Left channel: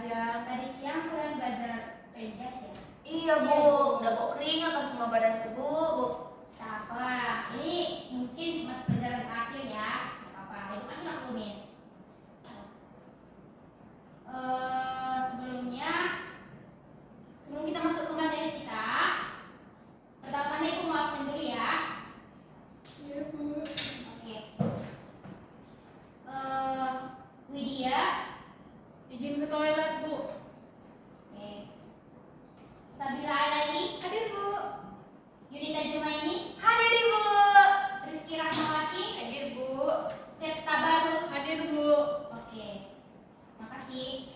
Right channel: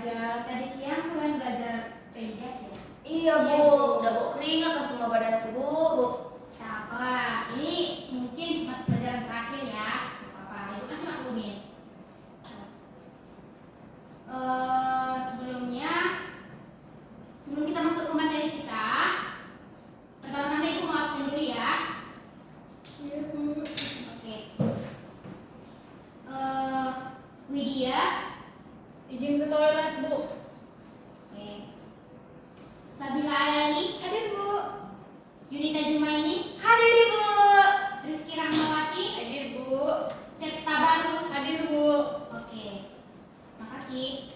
belajar. Tadi siang kalian belajar penjas ya? Iya Bu, udah bawa keringat ke semua badanku Bu. Tak apa, ini mungkin pelajaran terakhir ya. Gak apa-apa, ibu masih maklumin. Sebelum kita masuk ke materi kita, pertama-tama ibu mau absen dulu ya. Iya Bu. Oke. Widya. Izin ke toilet Bu. Oke. Sabila Alaini. Hadir Bu. Yunita Jumaini. Hadir Ibu. Rizky Rahmawati. Hadir Bu. Septa Barus. Hadir Bu. Oke. Makasih.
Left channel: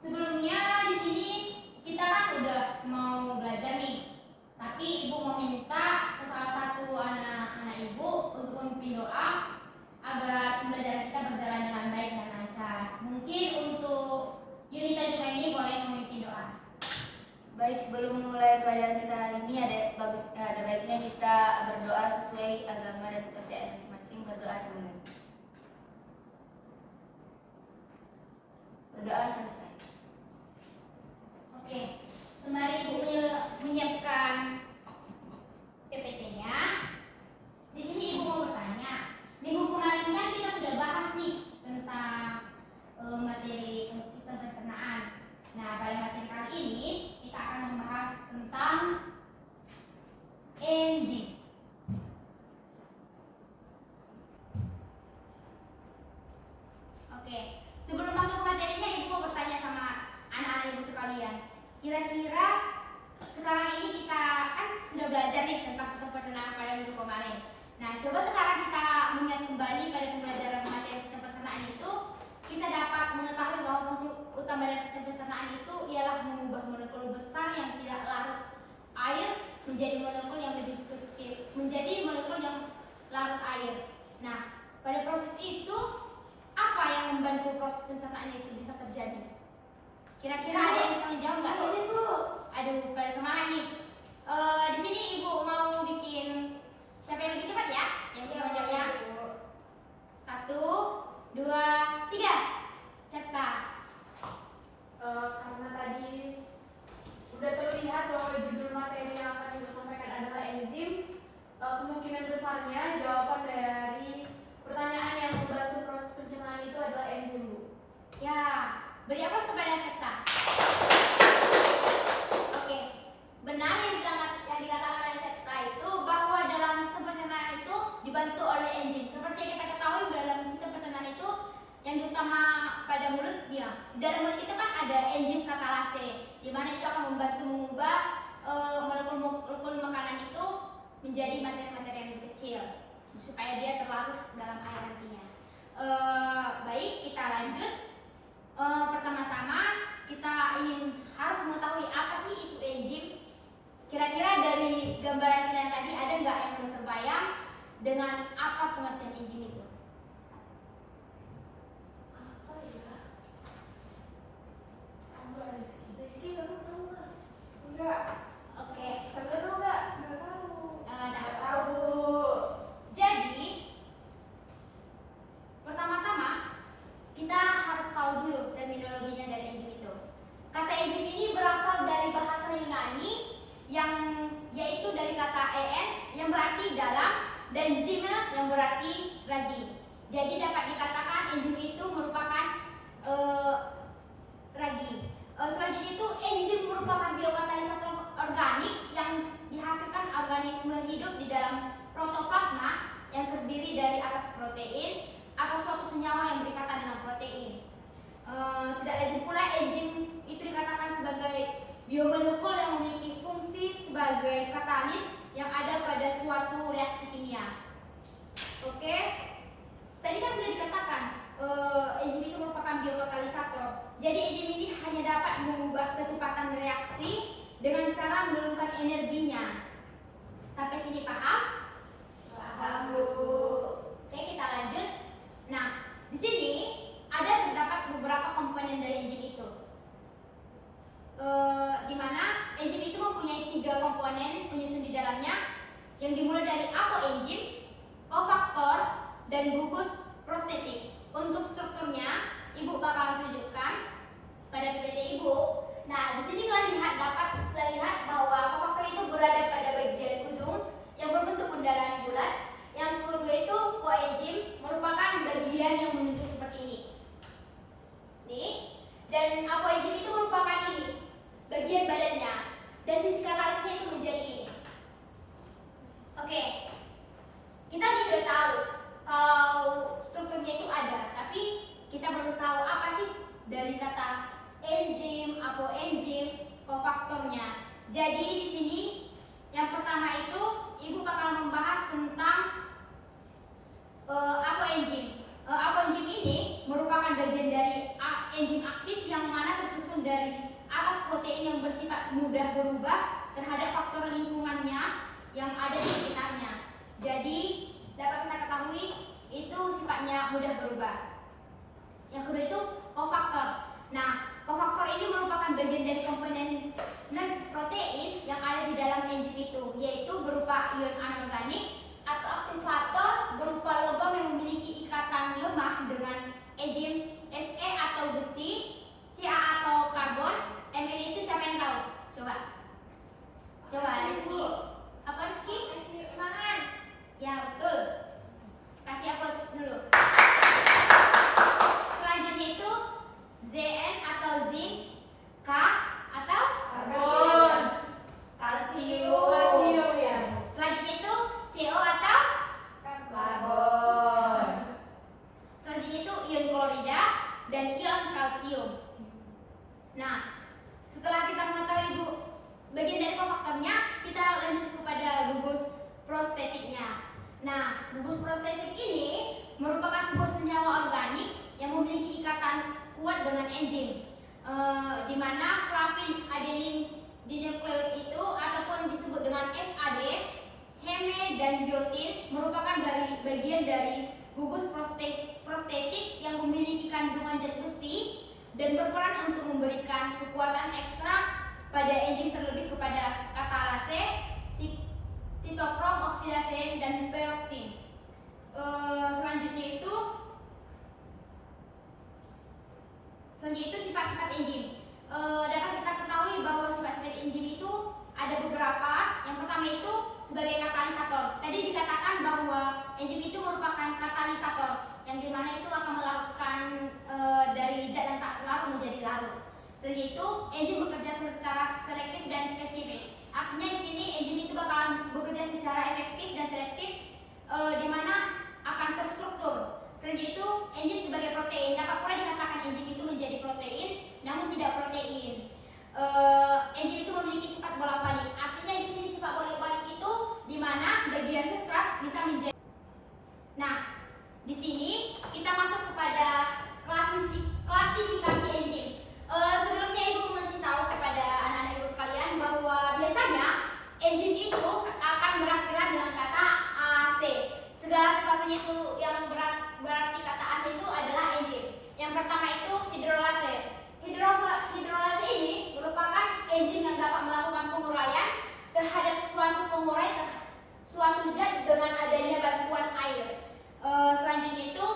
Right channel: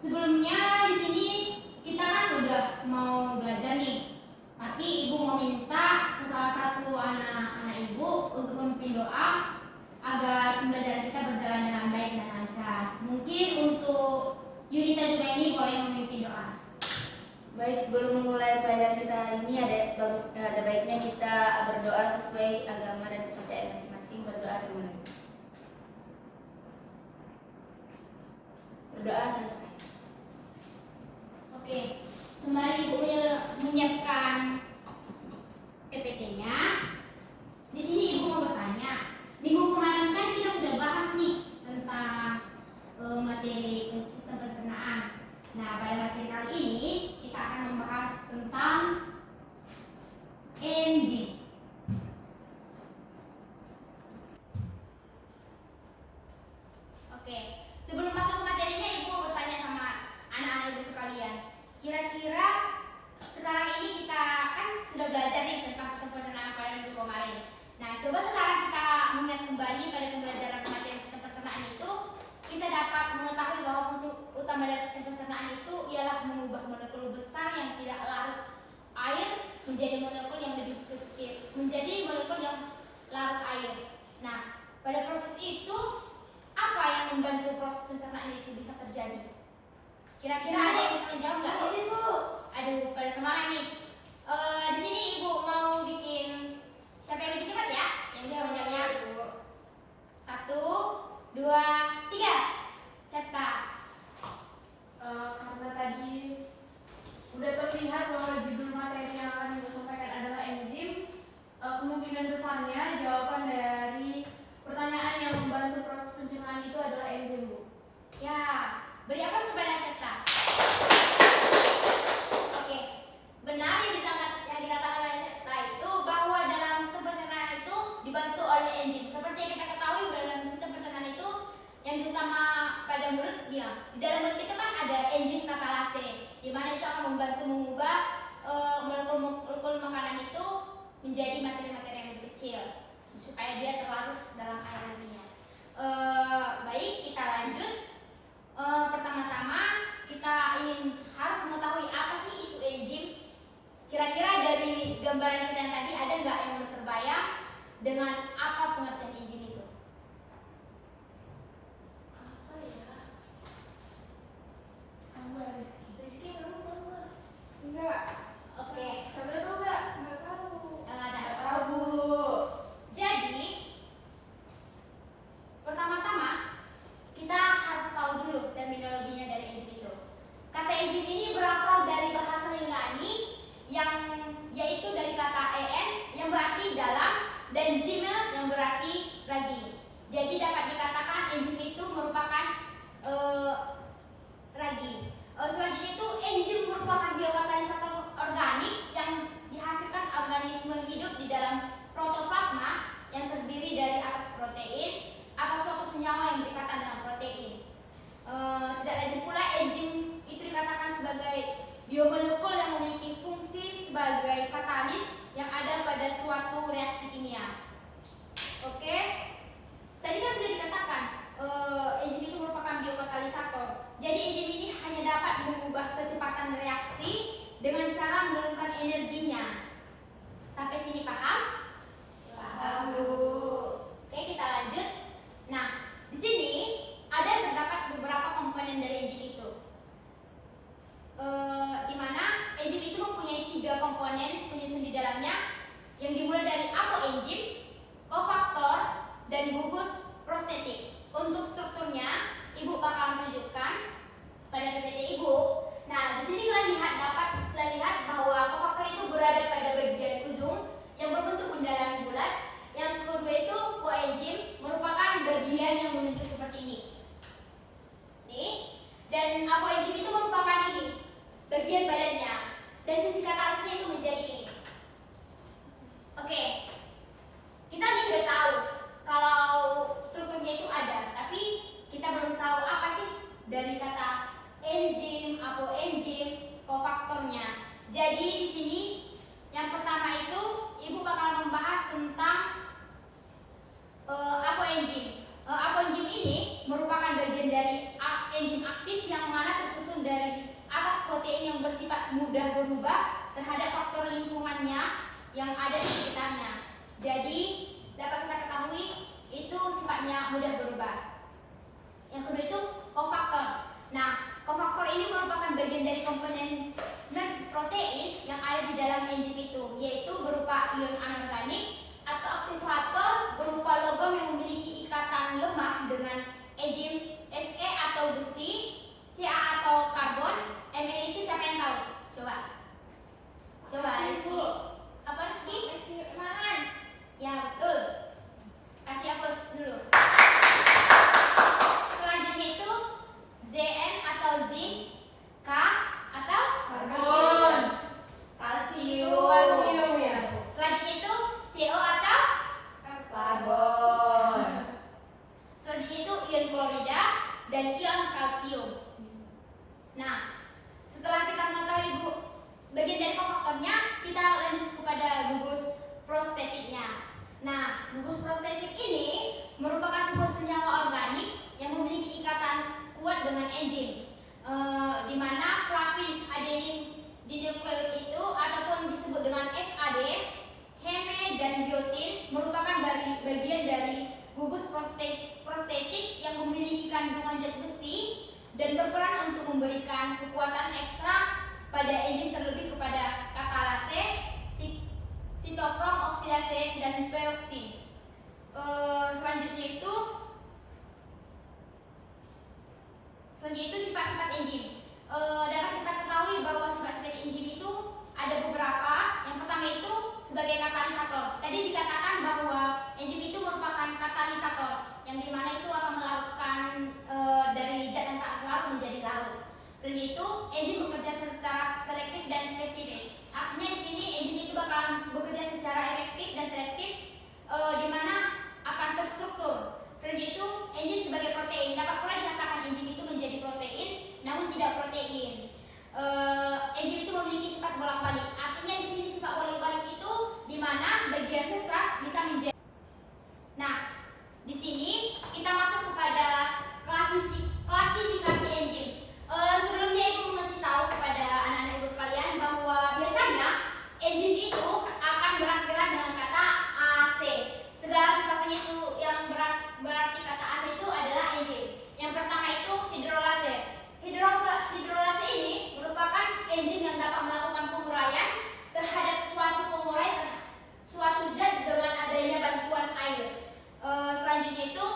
Sebelumnya di sini kita kan udah mau belajar nih. Tapi ibu mau minta ke salah satu anak-anak ibu untuk memimpin doa agar pembelajaran kita berjalan dengan baik dan lancar. Mungkin untuk Yunita Jumaini boleh memimpin doa. Baik, sebelum memulai pelajaran kita hari ini ada baiknya kita berdoa sesuai agama dan kepercayaan masing-masing. Berdoa dimulai. Berdoa selesai. Oke, sembari ibu menyiapkan PPT-nya, di sini ibu mau bertanya. Minggu kemarin kan kita sudah bahas nih tentang materi sistem pencernaan. Nah, pada materi kali ini kita akan membahas tentang enzim. Oke, sebelum masuk ke materinya, ibu mau bertanya sama anak-anak ibu sekalian. Kira-kira sekarang ini kita kan sudah belajar nih tentang sistem pencernaan pada minggu kemarin. Nah, coba sekarang kita mengingat kembali pada pembelajaran materi sistem pencernaan itu, kita dapat mengetahui bahwa fungsi utama dari sistem pencernaan itu ialah mengubah molekul besar yang tidak larut air menjadi molekul yang lebih kecil, menjadi molekul yang larut air. Nah, pada proses itu apa yang membantu proses pencernaan itu bisa terjadi? Kira-kira ada yang bisa menjawab nggak? Ibu. Aduh, pada semangat nih. Di sini ibu mau bikin siapa yang lebih cepat ya? Yang bisa menjawabnya? 1, 2, 3. Septa. Karena tadi udah terlihat bahwa judul materi yang akan disampaikan adalah enzim, kemungkinan besarnya jawaban dari pertanyaan yang membantu proses pencernaan itu adalah enzim Bu. Ya, beri aplaus kepada Septa. Oke, benar yang dikatakan oleh Septa itu bahwa dalam sistem pencernaan itu dibantu oleh enzim. Seperti yang kita ketahui dalam sistem pencernaan itu yang utama pada mulut dia. Di dalam mulut itu kan ada enzim katalase, di mana itu akan membantu mengubah molekul makanan itu menjadi materi-materi yang lebih kecil supaya dia terlarut dalam air nantinya. Baik, kita lanjut. Pertama-tama kita harus mengetahui apa sih itu enzim. Kira-kira dari gambaran kita yang tadi ada nggak yang udah terbayang dengan apa pengertian enzim itu? Apa ya? Apa Rizky? Rizky, kamu tahu nggak? Enggak. Oke. Sampai tahu nggak? Nggak tahu. Nah, Nggak tahu. jadi pertama-tama kita harus tahu dulu terminologinya dari enzim itu. Kata enzim ini berasal dari bahasa Yunani yang yaitu dari kata en yang berarti dalam dan zyme yang berarti ragi. Jadi dapat dikatakan enzim itu merupakan ragi. Selanjutnya itu enzim merupakan biokatalisator organik yang dihasilkan organisme hidup di dalam protoplasma yang terdiri dari atas protein atau suatu senyawa yang berikatan dengan protein. Tidak lazim pula enzim itu dikatakan sebagai biomolekul yang memiliki fungsi sebagai katalis yang ada pada suatu reaksi kimia. Oke, tadi kan sudah dikatakan enzim itu merupakan biokatalisator. Jadi enzim ini hanya dapat mengubah kecepatan reaksi dengan cara menurunkan energinya. Sampai sini paham? Paham Bu. Oke, kita lanjut. Nah, di sini terdapat beberapa komponen dari enzim itu. Di mana enzim itu mempunyai 3 komponen penyusun di dalamnya yang dimulai dari apoenzim, kofaktor, dan gugus prostetik. Untuk strukturnya Ibu bakalan tunjukkan pada PPT Ibu. Nah, di sini kalian lihat bahwa kofaktor itu berada pada bagian ujung yang berbentuk bundaran bulat. Yang kedua itu koenzim merupakan bagian yang menunjuk seperti ini. Nih, dan koenzim itu merupakan ini bagian badannya, dan sisi katalisnya itu menjadi ini. Oke, kita udah tahu kalau strukturnya itu ada, tapi kita belum tahu apa sih dari kata enzim, apoenzim, kofaktornya. Jadi di sini yang pertama itu Ibu bakal membahas tentang apoenzim. Apoenzim ini merupakan bagian dari enzim aktif yang mana tersusun dari atas protein yang bersifat mudah berubah terhadap faktor lingkungannya yang ada di sekitarnya. Jadi dapat kita ketahui itu sifatnya mudah berubah. Yang kedua itu kofaktor. Nah, kofaktor ini merupakan bagian dari komponen protein yang ada di dalam enzim itu, yaitu berupa ion anorganik atau aktivator berupa logam yang memiliki ikatan lemah dengan enzim Fe atau besi, Ca atau karbon, Mn itu siapa yang tahu? Coba Rizky. Apa Rizky? Ya betul. Kasih aplaus dulu. Selanjutnya itu Zn atau zinc, K atau Karbon. kalsium. Ya. Selanjutnya itu CO atau Karbon. selanjutnya itu ion klorida dan ion kalsium. Nah, setelah kita mengetahui bagian dari kofaktornya, kita lanjut kepada gugus prostetiknya. Nah, gugus prostetik ini merupakan sebuah senyawa organik yang memiliki ikatan kuat dengan enzim, di mana flavin adenin dinukleoid itu ataupun disebut dengan FAD, heme dan biotin merupakan bagian dari gugus prostetik yang memiliki kandungan zat besi dan berperan untuk memberikan kekuatan ekstra pada enzim terlebih kepada katalase, sitokrom oksidase dan peroksin. Selanjutnya itu sifat-sifat enzim. Dapat kita ketahui bahwa sifat-sifat enzim itu ada beberapa. Yang pertama itu sebagai katalisator. Tadi dikatakan bahwa enzim itu merupakan katalisator, yang dimana itu akan melakukan dari zat yang tak larut menjadi larut. Selanjutnya itu enzim bekerja secara selektif dan spesifik. Artinya di sini enzim itu bakalan bekerja secara efektif dan selektif, di mana akan terstruktur. Selanjutnya itu enzim sebagai protein. Dapat pula dikatakan enzim itu menjadi protein, namun tidak protein. Enzim itu memiliki sifat bolak-balik. Artinya di sini sifat bolak-balik itu di mana bagian substrat bisa menjadi. Nah, di sini kita masuk kepada klasifikasi enzim. Sebelumnya Ibu mesti tahu kepada anak-anak Ibu sekalian bahwa biasanya enzim itu akan berakhiran dengan kata AC. Segala sesuatunya itu yang berarti kata AC itu adalah enzim. Yang pertama itu hidrolase. Hidrolase ini merupakan enzim yang dapat melakukan penguraian terhadap suatu zat dengan adanya bantuan air. Selanjutnya itu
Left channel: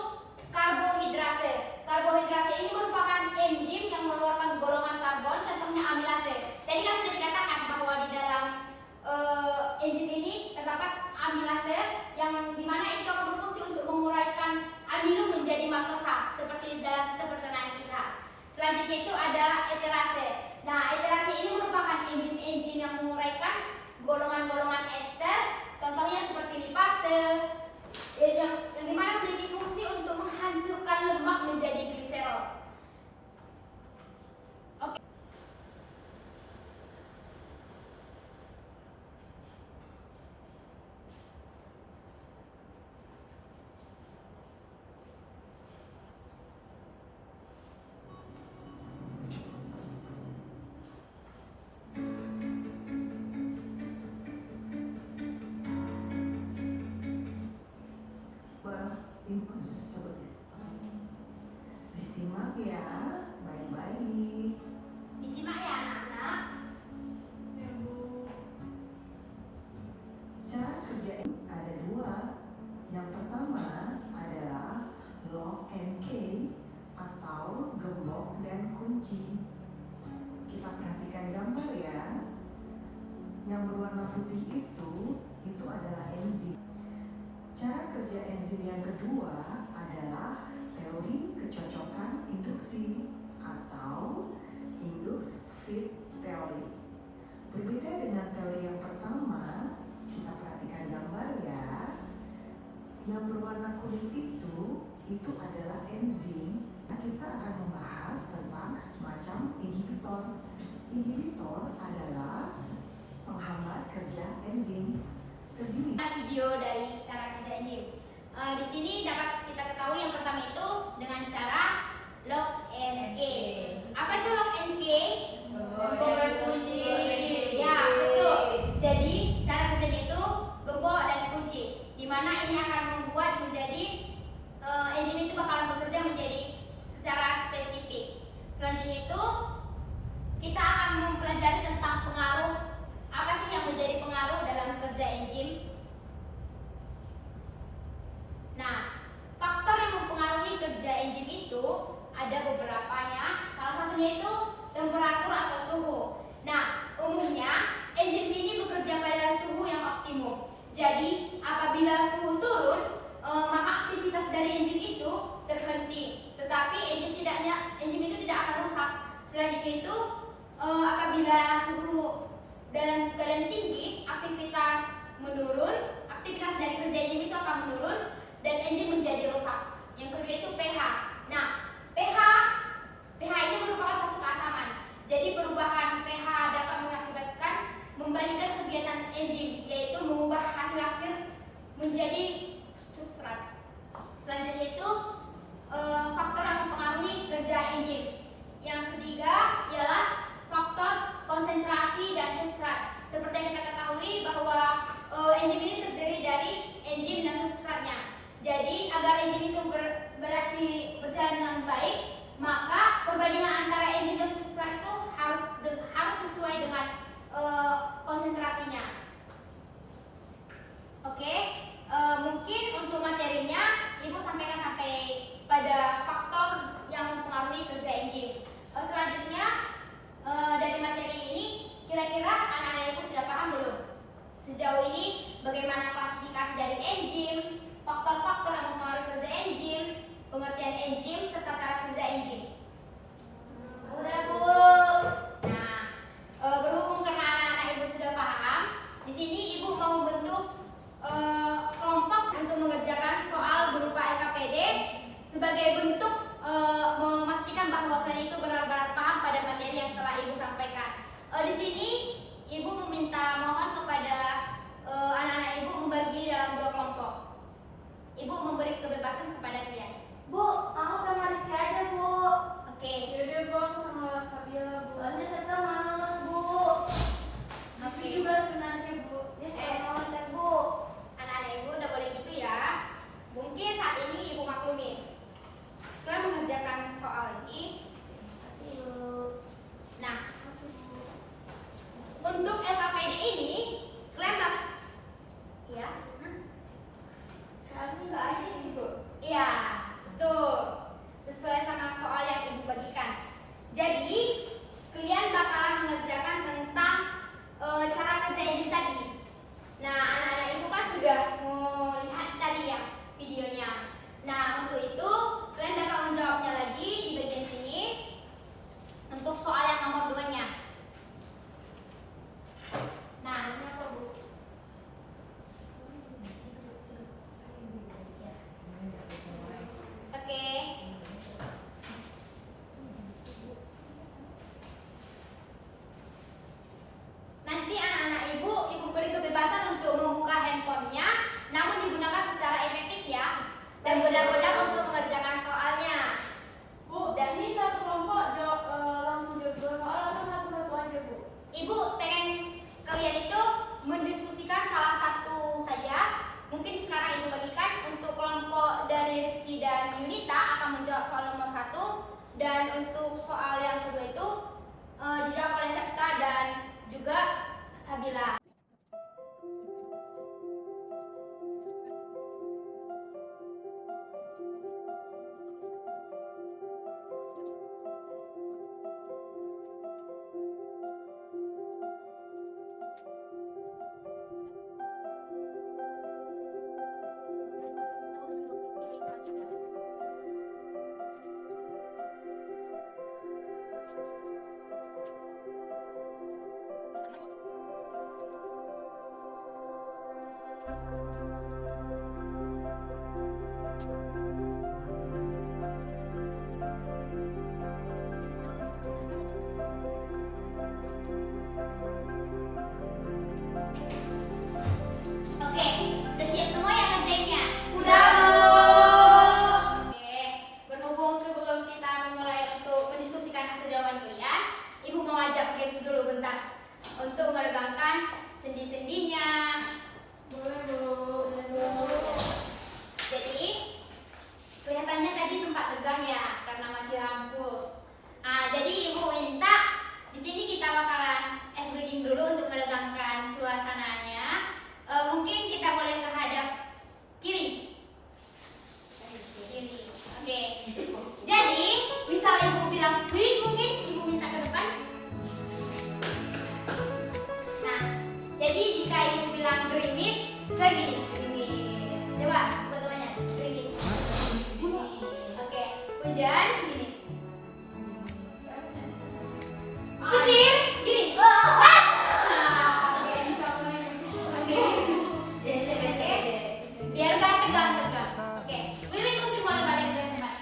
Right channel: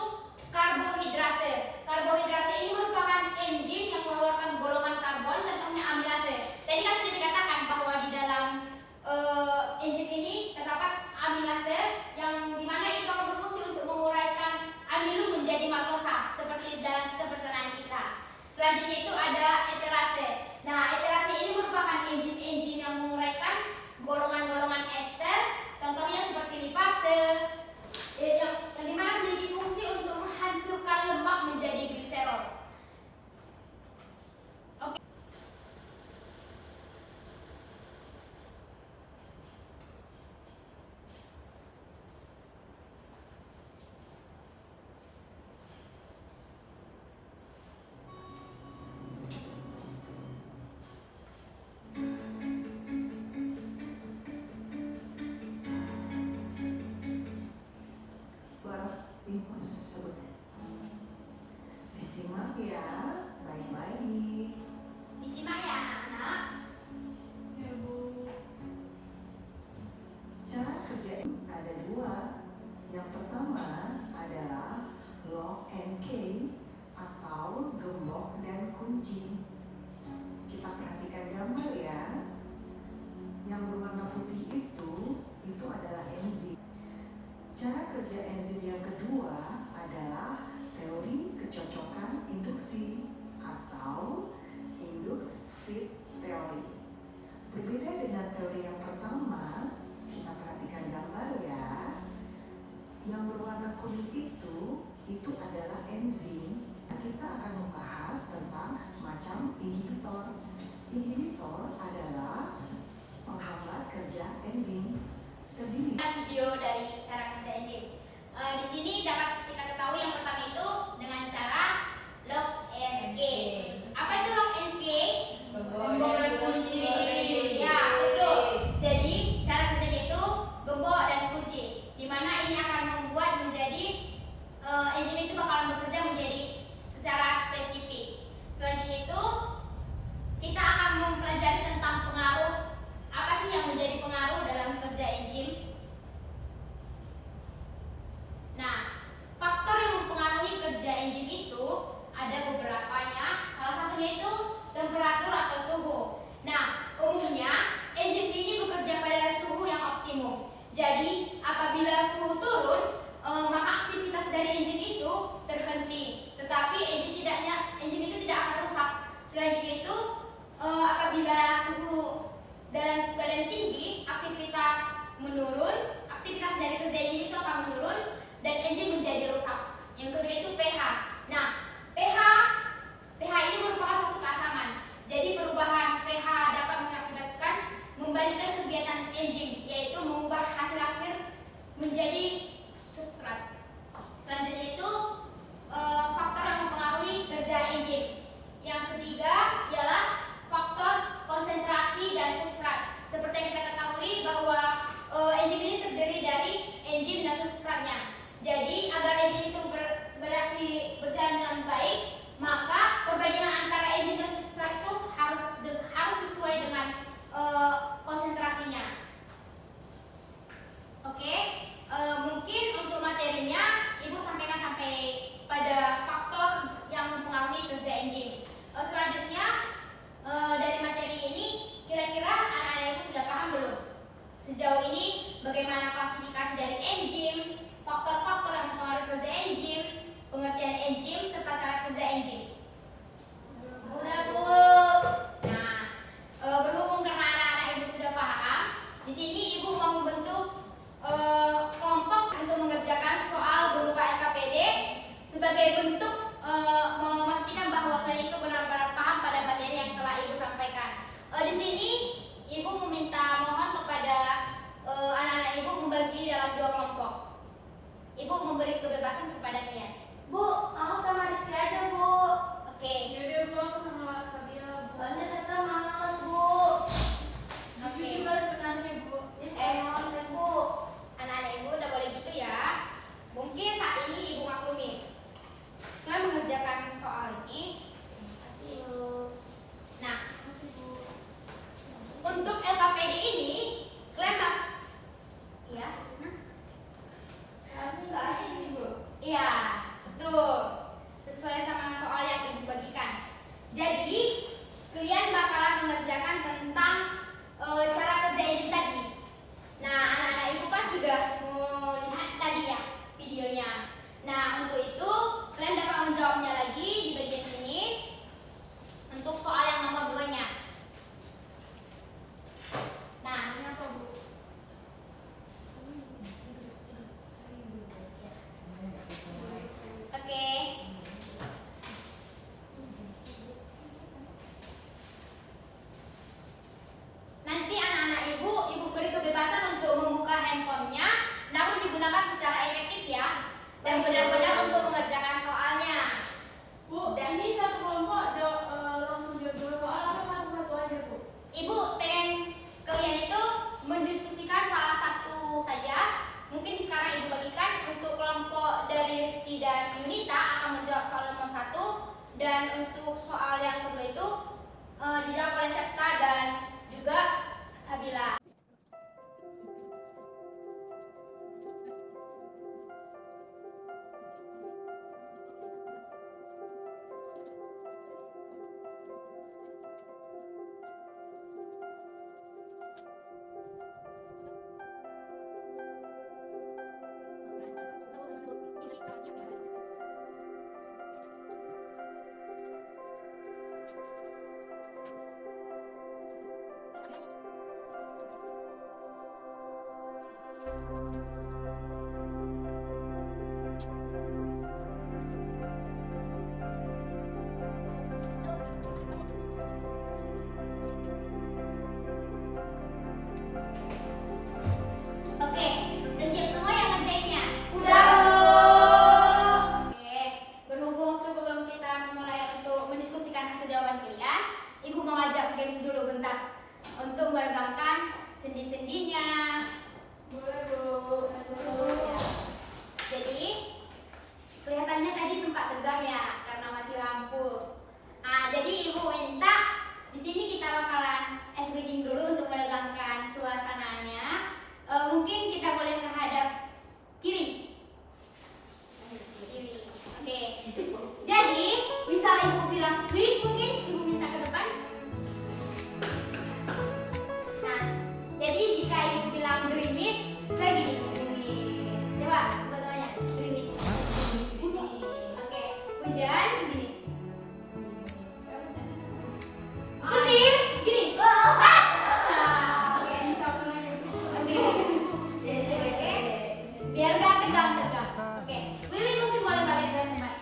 karbohidrase. Karbohidrase ini merupakan enzim yang mengeluarkan golongan karbon, contohnya amilase. Tadi kan sudah dikatakan bahwa di dalam enzim ini terdapat amilase yang dimana itu akan berfungsi untuk menguraikan amilum menjadi maltosa seperti dalam sistem pencernaan kita. Selanjutnya itu ada eterase. Nah, eterase ini merupakan enzim-enzim yang menguraikan golongan-golongan ester, contohnya seperti lipase, yang dimana memiliki fungsi untuk menghancurkan lemak menjadi gliserol. Oke. Disimak ya, baik-baik. Disimak ya anak-anak. Ya, Bu. Cara kerja ada dua. Yang pertama adalah log and K atau kunci. Kita perhatikan gambar ya. Yang berwarna putih itu adalah enzim. Cara kerja enzim yang kedua adalah teori kecocokan induksi atau induced fit theory. Berbeda dengan teori yang pertama, kita perhatikan gambar ya. Yang berwarna kuning itu adalah enzim. Kita akan membahas tentang macam inhibitor. Inhibitor adalah penghambat kerja enzim. Terdiri Video dari cara kerja enzim. Di sini dapat kita ketahui yang pertama itu dengan cara log and key. Apa itu log and key? Gembok dan kunci. Ya, betul. Jadi cara kerjanya itu gembok dan kunci, di mana ini akan membuat menjadi enzim itu bakalan bekerja menjadi secara spesifik. Selanjutnya itu kita akan mempelajari tentang pengaruh. Apa sih yang menjadi pengaruh dalam kerja enzim? Nah, faktor yang mempengaruhi kerja enzim itu ada beberapanya. Salah satunya itu temperatur atau suhu. Nah, umumnya enzim ini bekerja pada suhu yang optimum. Jadi, apabila suhu turun, maka aktivitas dari enzim itu terhenti. Tetapi enzim itu tidak akan rusak. Selanjutnya itu, apabila suhu dalam keadaan tinggi, aktivitas menurun, aktivitas dari kerja enzim itu akan menurun dan enzim menjadi rusak. Yang kedua itu pH. Nah, pH ini merupakan satu keasaman. Jadi perubahan pH dapat mengakibatkan membalikkan kegiatan enzim, yaitu mengubah hasil akhir menjadi substrat. Selanjutnya itu faktor yang mempengaruhi kerja enzim. Yang ketiga ialah faktor konsentrasi dan substrat. Seperti yang kita ketahui bahwa enzim ini terdiri dari enzim dan substratnya. Jadi agar enzim itu bereaksi berjalan dengan baik, maka perbandingan antara enzim dan substrat itu harus sesuai dengan konsentrasinya. Oke, mungkin untuk materinya Ibu sampaikan sampai pada faktor yang mempengaruhi kerja enzim. Selanjutnya dari materi ini kira-kira anak-anak Ibu sudah paham belum? Sejauh ini bagaimana klasifikasi dari enzim, faktor-faktor yang mempengaruhi kerja enzim, pengertian enzim serta cara kerja enzim. Udah Bu. Nah, berhubung karena anak-anak Ibu sudah paham, di sini Ibu mau membentuk kelompok untuk mengerjakan soal berupa LKPD sebagai bentuk memastikan bahwa kalian itu benar-benar paham pada materi yang telah Ibu sampaikan. Di sini Ibu mohon kepada anak-anak Ibu membagi dalam 2 kelompok. Ibu memberi kebebasan kepada kalian. Bu, aku sama Rizky aja, Bu. Oke. Yaudah Bu, aku sama Sabila Bu. Soalnya saya malas, Bu. Aku juga sebenarnya Bu. Malas, Bu. Anak-anak Ibu udah boleh gitu ya. Mungkin saat ini Ibu maklumi. Kalian mengerjakan soal ini. Terima kasih, Bu. Nah, untuk LKPD ini kalian ya, Saya ini, Bu. iya, betul. Sesuai sama soal yang Ibu bagikan. Jadi, kalian bakalan mengerjakan tentang cara kerja enzim tadi. Nah, anak-anak Ibu kan sudah melihat tadi ya videonya. Nah, untuk itu kalian dapat menjawabnya lagi di bagian sini untuk soal yang nomor 2-nya. Nah, Kenapa Bu? oke. Nanti anak-anak Ibu beri kebebasan untuk membuka handphonenya, namun digunakan secara efektif ya, dan benar-benar untuk mengerjakan soalnya. Bu, ini satu kelompok langsung jawab 2 soal atau satu-satu aja Bu? Ibu pengen kalian itu mendiskusikan salah satu saja. Mungkin sekarang Ibu bagikan untuk kelompok dari Rizky dan Yunita akan menjawab soal nomor 1, dan untuk soal yang kedua itu dijawab oleh Septa dan juga Sabila. Dilihat boleh menghadap kiri. Kiri. Oke. Jadi, misal ibu bilang quick, mungkin ibu minta ke depan. Nah, jadi jika ibu bilang gerimis, kayak gini, gerimis. Coba, buat temannya, gerimis. Oke, hujan, gini. Petir, gini. Oke, Bisa mulai. oke. Biar gak tegang-tegang. Oke, Wiwi mungkin boleh balik ke tempat.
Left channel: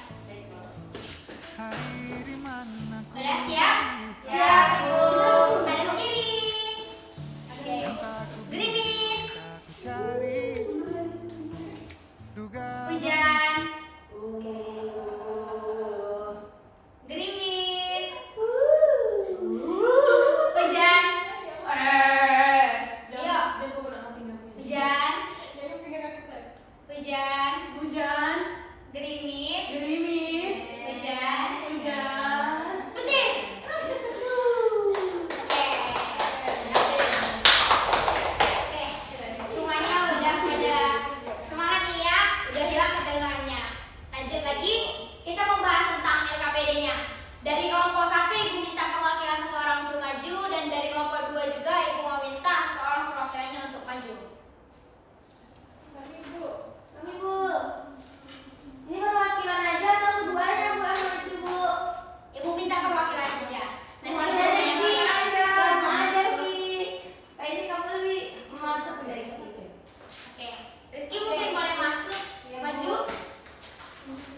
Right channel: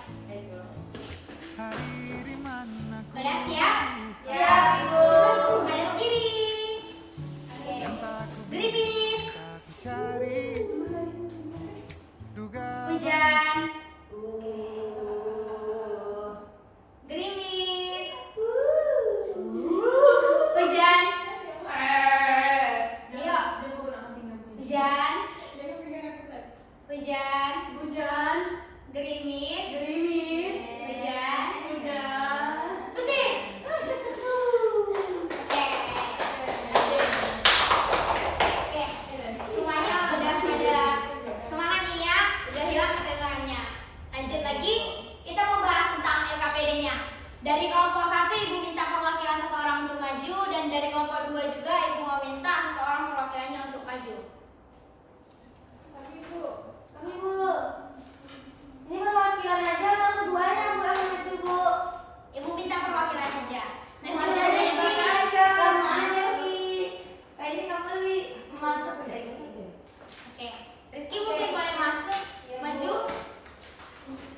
Udah siap? Siap, Ibu. Hadap kiri. Oke. Gerimis. Hujan. Gerimis. Hujan. Ayo. Hujan. Hujan. Hujan, Gerimis. gerimis, Hujan. hujan. Petir. Oke. Oke. Semuanya udah pada semangat nih ya. Udah hilang ketegangannya. Lanjut lagi. Kita membahas tentang LKPD-nya. Dari kelompok 1 ibu minta perwakilan 1 orang untuk maju, dan dari kelompok 2 juga ibu mau minta 1 orang perwakilannya untuk maju. Ibu, ini perwakilan aja atau keduanya Bu yang maju Bu? Ibu minta perwakilan saja. Mau Nanti aja yang Ki, bakal- sama aja Ki. Kayaknya kamu lebih masuk deh Ki. Oke, Rizky mungkin boleh masuk, maju.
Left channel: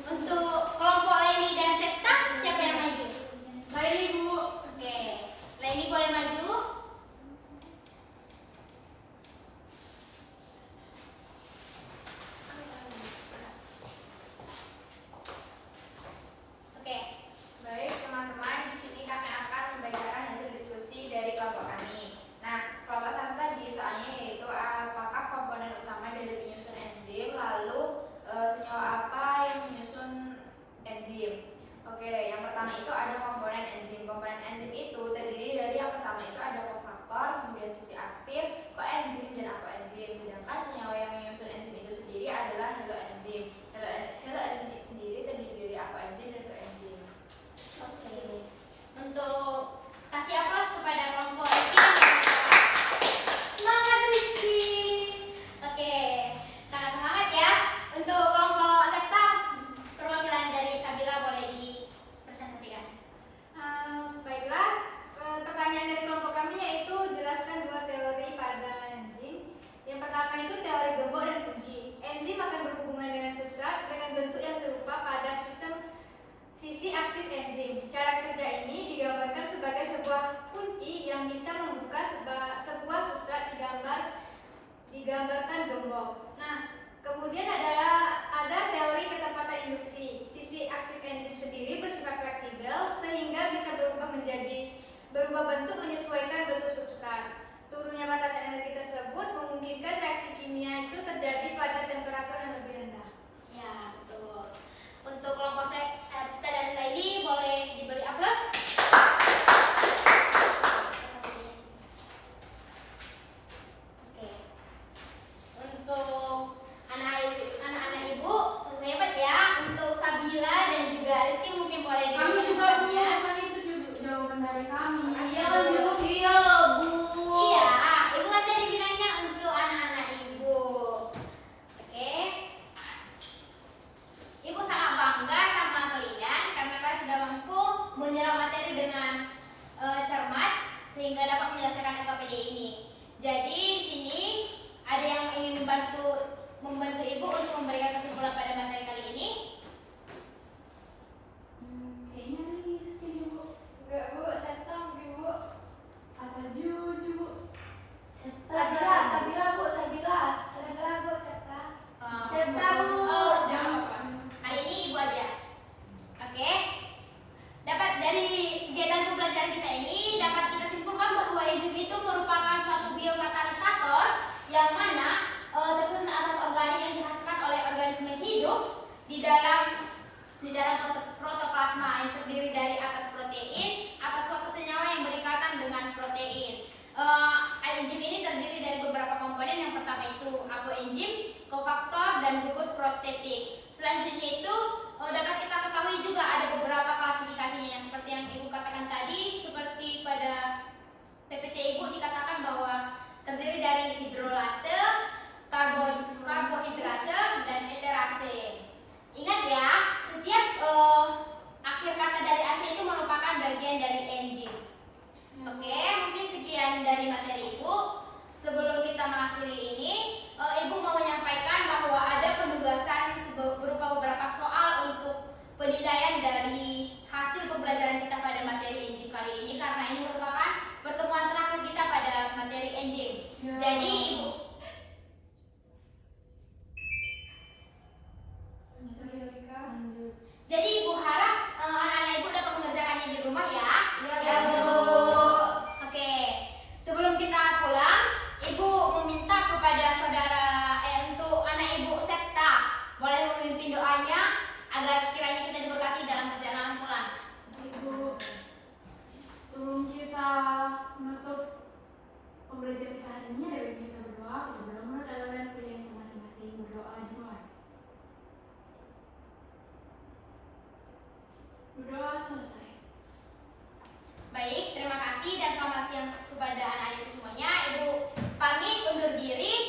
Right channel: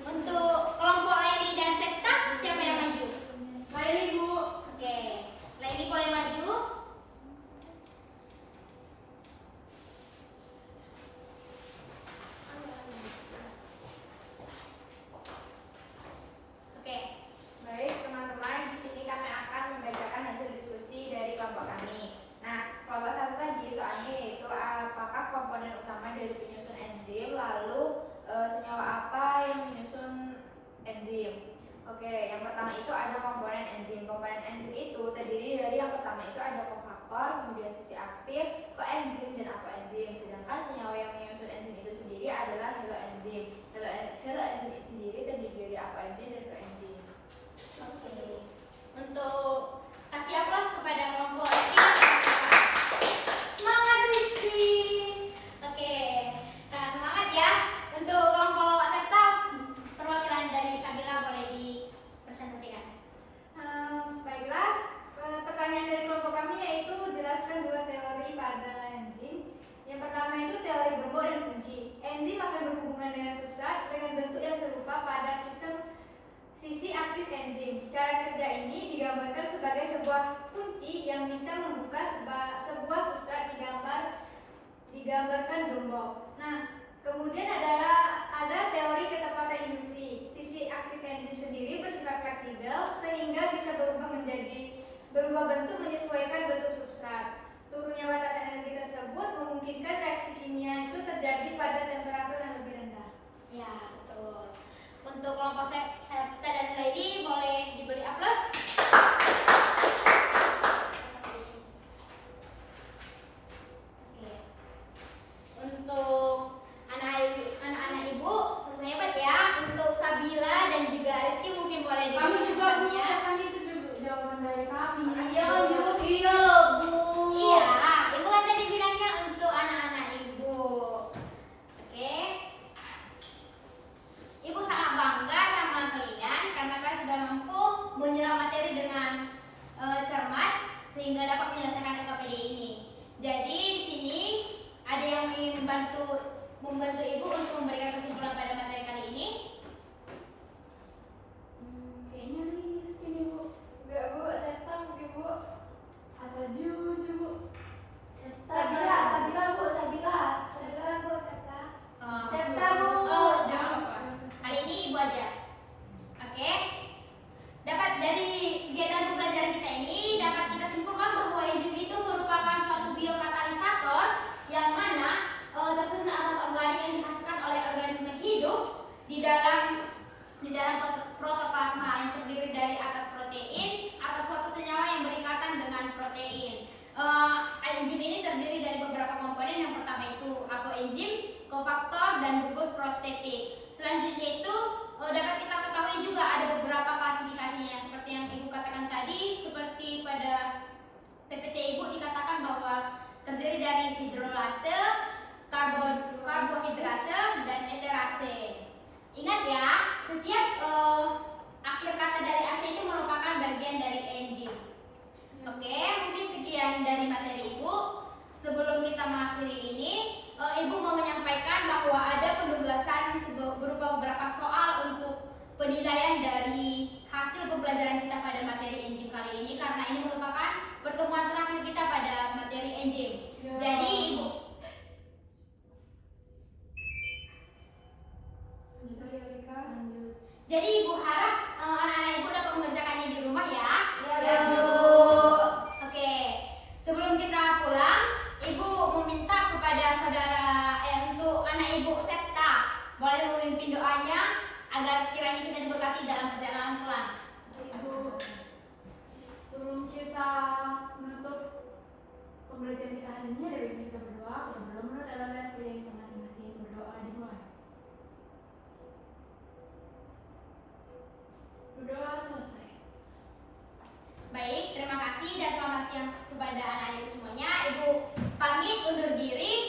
Untuk kelompok Leni dan Septa, siapa yang maju? Baik, Ibu. Oke, Leni boleh maju. Oke, Baik teman-teman, di sini kami akan membacakan hasil diskusi dari kelompok kami. Nah, kelompok 1 tadi soalnya yaitu apakah komponen utama dari penyusun enzim, lalu senyawa apa yang menyusun enzim. Oke, yang pertama itu ada komponen enzim. Komponen enzim itu terdiri dari yang pertama itu ada kofaktor, kemudian sisi aktif, koenzim dan akoenzim. Sedangkan senyawa yang menyusun enzim itu sendiri adalah haloenzim. Haloenzim itu sendiri terdiri dari akoenzim dan koenzim. oke. Untuk kasih aplaus kepada kelompok Rizky. Semangat Rizky. Oke, sangat semangat ya. Untuk kelompok Septa, perwakilan dari Sabila boleh dipresentasikan. Baiklah, pertanyaan dari kelompok kami yaitu jelaskan 2 teori pada enzim. Yang pertama itu teori gembok dan kunci. Enzim akan berhubungan dengan substrat dengan bentuk yang serupa pada sistem sisi aktif enzim. Cara kerja ini digambarkan sebagai sebuah kunci yang bisa membuka sebuah substrat digambarkan gembok. Nah, kemudian ada teori ketepatan induksi. Sisi aktif enzim sendiri bersifat fleksibel sehingga bisa berubah bentuk menyesuaikan bentuk substrat. Turunnya batas energi tersebut memungkinkan reaksi kimia itu terjadi pada temperatur yang lebih rendah. Ya, betul. Untuk kelompok Septa dan Lady boleh diberi aplaus. Oke. Untuk anak-anak ibu sungguh hebat ya. Untuk Sabila dan juga Rizky mungkin boleh Kami diberi juga, Bu. ya. Kan itu juga jawaban dari kami. Iya, Bu. Iya Bu. Iya, ibu kan tadi bilangnya untuk anak-anak ibu. Oke. Ibu sangat bangga sama kalian karena kalian sudah mampu menyerap materi dengan cermat sehingga dapat menyelesaikan LKPD ini. Jadi di sini ada yang ingin membantu ibu untuk memberikan kesimpulan pada materi kali ini. Kayaknya Rizky nih, Bu. Enggak Bu, Septa mungkin Bu. Apa Juju, Bu? Sabila Bu, Sabila. Sabila Bu, Septa. Septa Bu. Oh, jangan apa-apa. Kali ini ibu aja. Oke. Dapat dari kegiatan pembelajaran kita ini dapat kita simpulkan bahwa enzim itu merupakan suatu biokatalisator yang mana tersusun atas organik yang dihasilkan oleh organisme hidup faktor dan gugus prostetik. Selanjutnya itu dapat kita ketahui juga ada beberapa klasifikasinya seperti yang Ibu katakan tadi, seperti pada PPT Ibu dikatakan bahwa terdiri dari hidrolase, karbohidrase, dan esterase. Ingat ya, setiap akhir kata dari ase itu merupakan bagian dari enzim. Oke, mungkin sekian dari materi Ibu. Sebelum kita mengakhiri ini, Ibu mau menyampaikan bahwa ada penugasan berupa beberapa soal untuk penilaian dari hasil pembelajaran kita pada materi enzim kali ini, karena ini merupakan pertemuan terakhir kita pada materi enzim. Jadi Ibu Ibu harap anak-anak Ibu dapat mengerjakannya di rumah ya. Ya, Bu. Oke. Sebelum kita pulang, Ibu meminta kepada untuk anak Ibu Septa boleh memimpin doanya agar kiranya kita diberkati dalam perjalanan pulang. Ibu, sebelum kita menutup pembelajaran kita hari ini, ada baiknya kita berdoa. Kita berdoa menurut agama dan pilihan kita masing-masing. Berdoa dimulai. Berdoa selesai. Baik, terima kasih dan selamat siang kepada anak-anak semuanya. Ibu pamit undur diri.